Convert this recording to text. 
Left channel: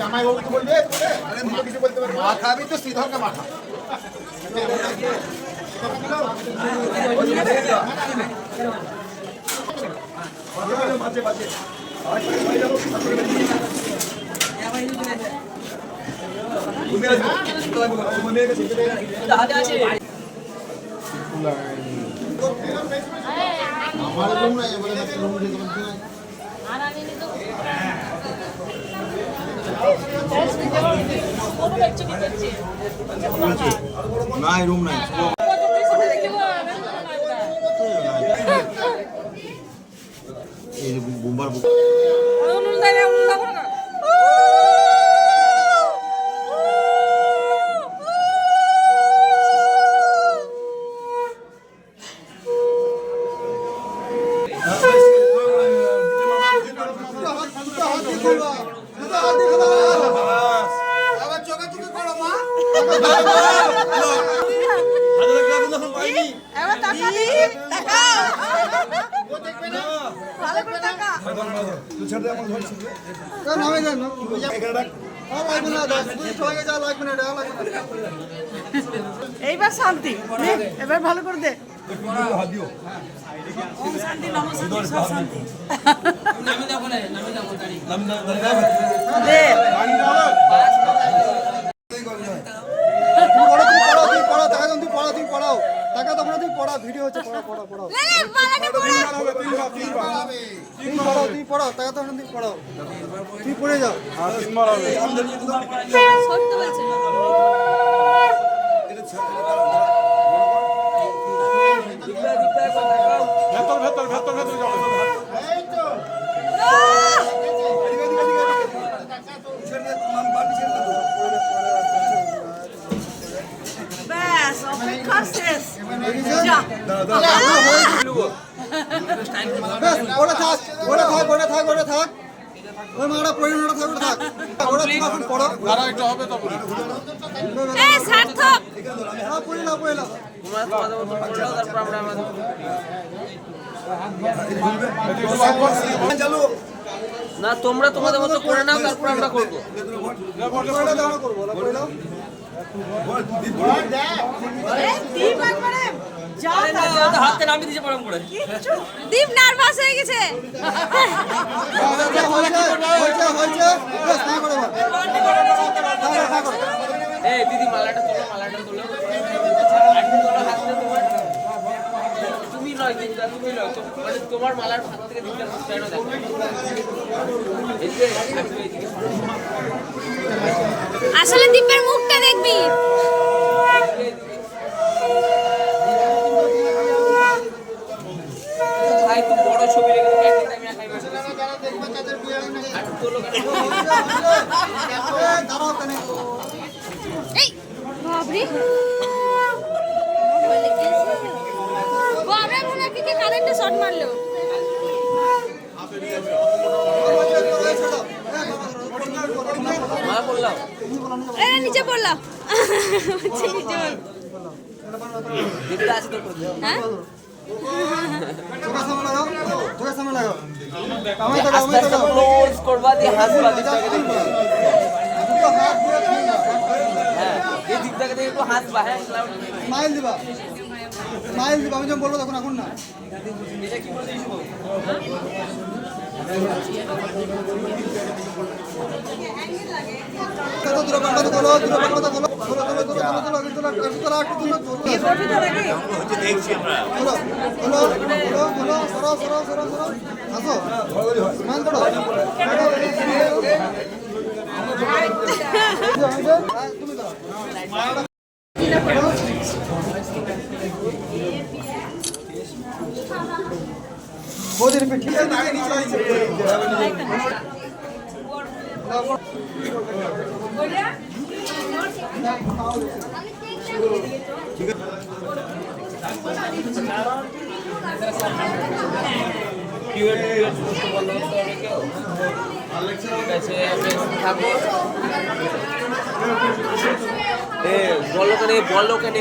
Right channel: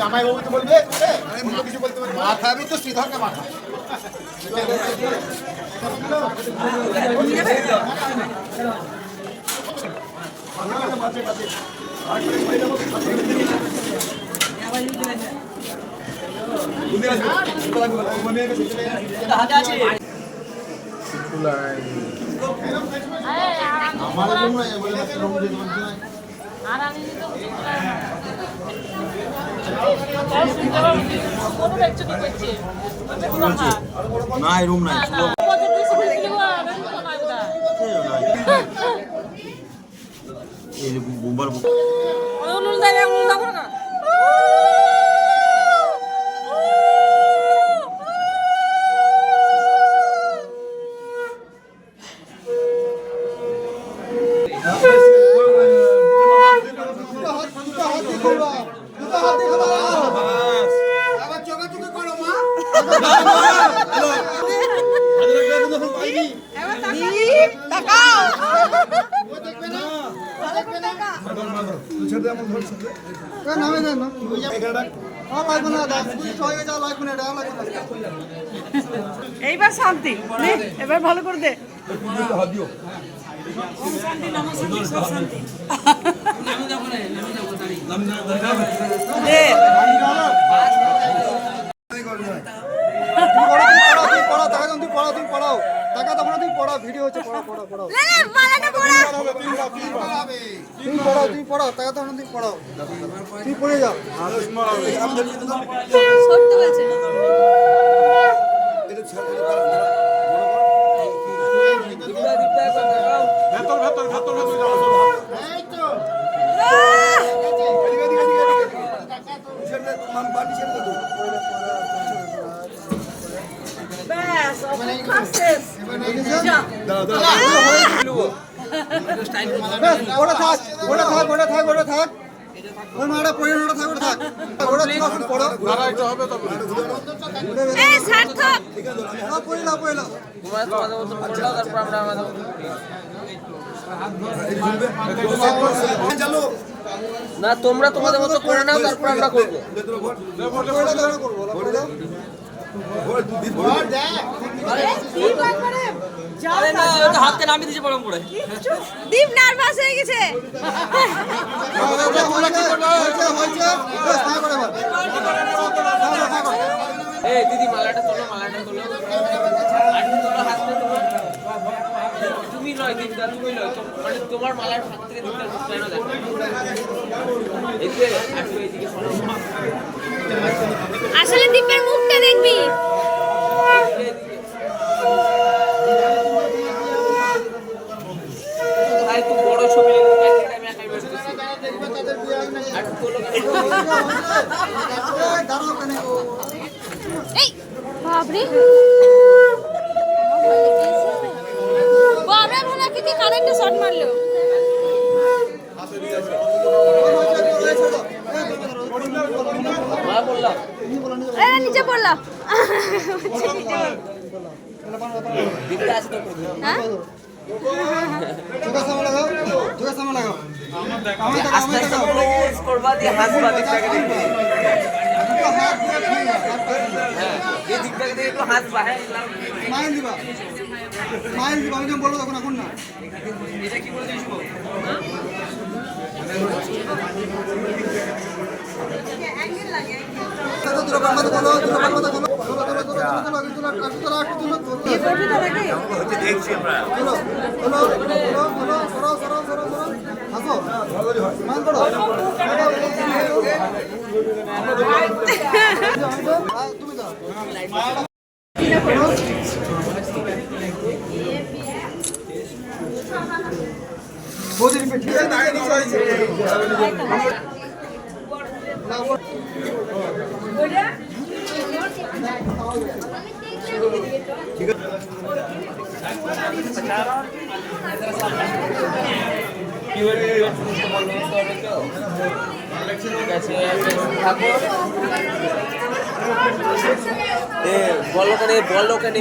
জামাইবাবু তো বলবে কিছু বলতে পারবে মাথা আমি তো শ্রীধরকে মাথা আমার রুম নাই বলে রুম দিতে পারছি না আর আমি তো না রুম নাই এই যে বোম্বার এইবার শান্তি এবার ভালো করে দে ভিডিও হচ্ছে পড়া পড়া পড়াও তুই পড়াও টাকা তো তুই পড়াও তুই পড়ে যাও না তোমরা তোমাদের মতো করে নাও তারপর আমরা করবো দীপ নার্ভাস হয়ে গেছে এই দিদি মালাটা তোলো হাতে তোমার তুমি নয় দিদা তুমি নয় মানে তোমার মালার হাত থেকে দিকটা কেন দেখো আসলে দীপের মুখটা দেখবি ভাই তো বড় ছবি লেগে আমি একাই বের করছি এই বাবরে বাবরে ভোলা কি কারেন্টে শট মারলো নিচে পড়লো হ্যাঁ করবা দিয়ে হাসবা দিকটাকে দেখবে এই দিকটাকে দেখে একটু হাসবা হ্যাঁ স্মাইল দিবা আমি যখন বলবো তখন এখন না এটা কি বলতে শুভ দেখছি আমরা তুমি ঠিক আছে থাকো বলো কেন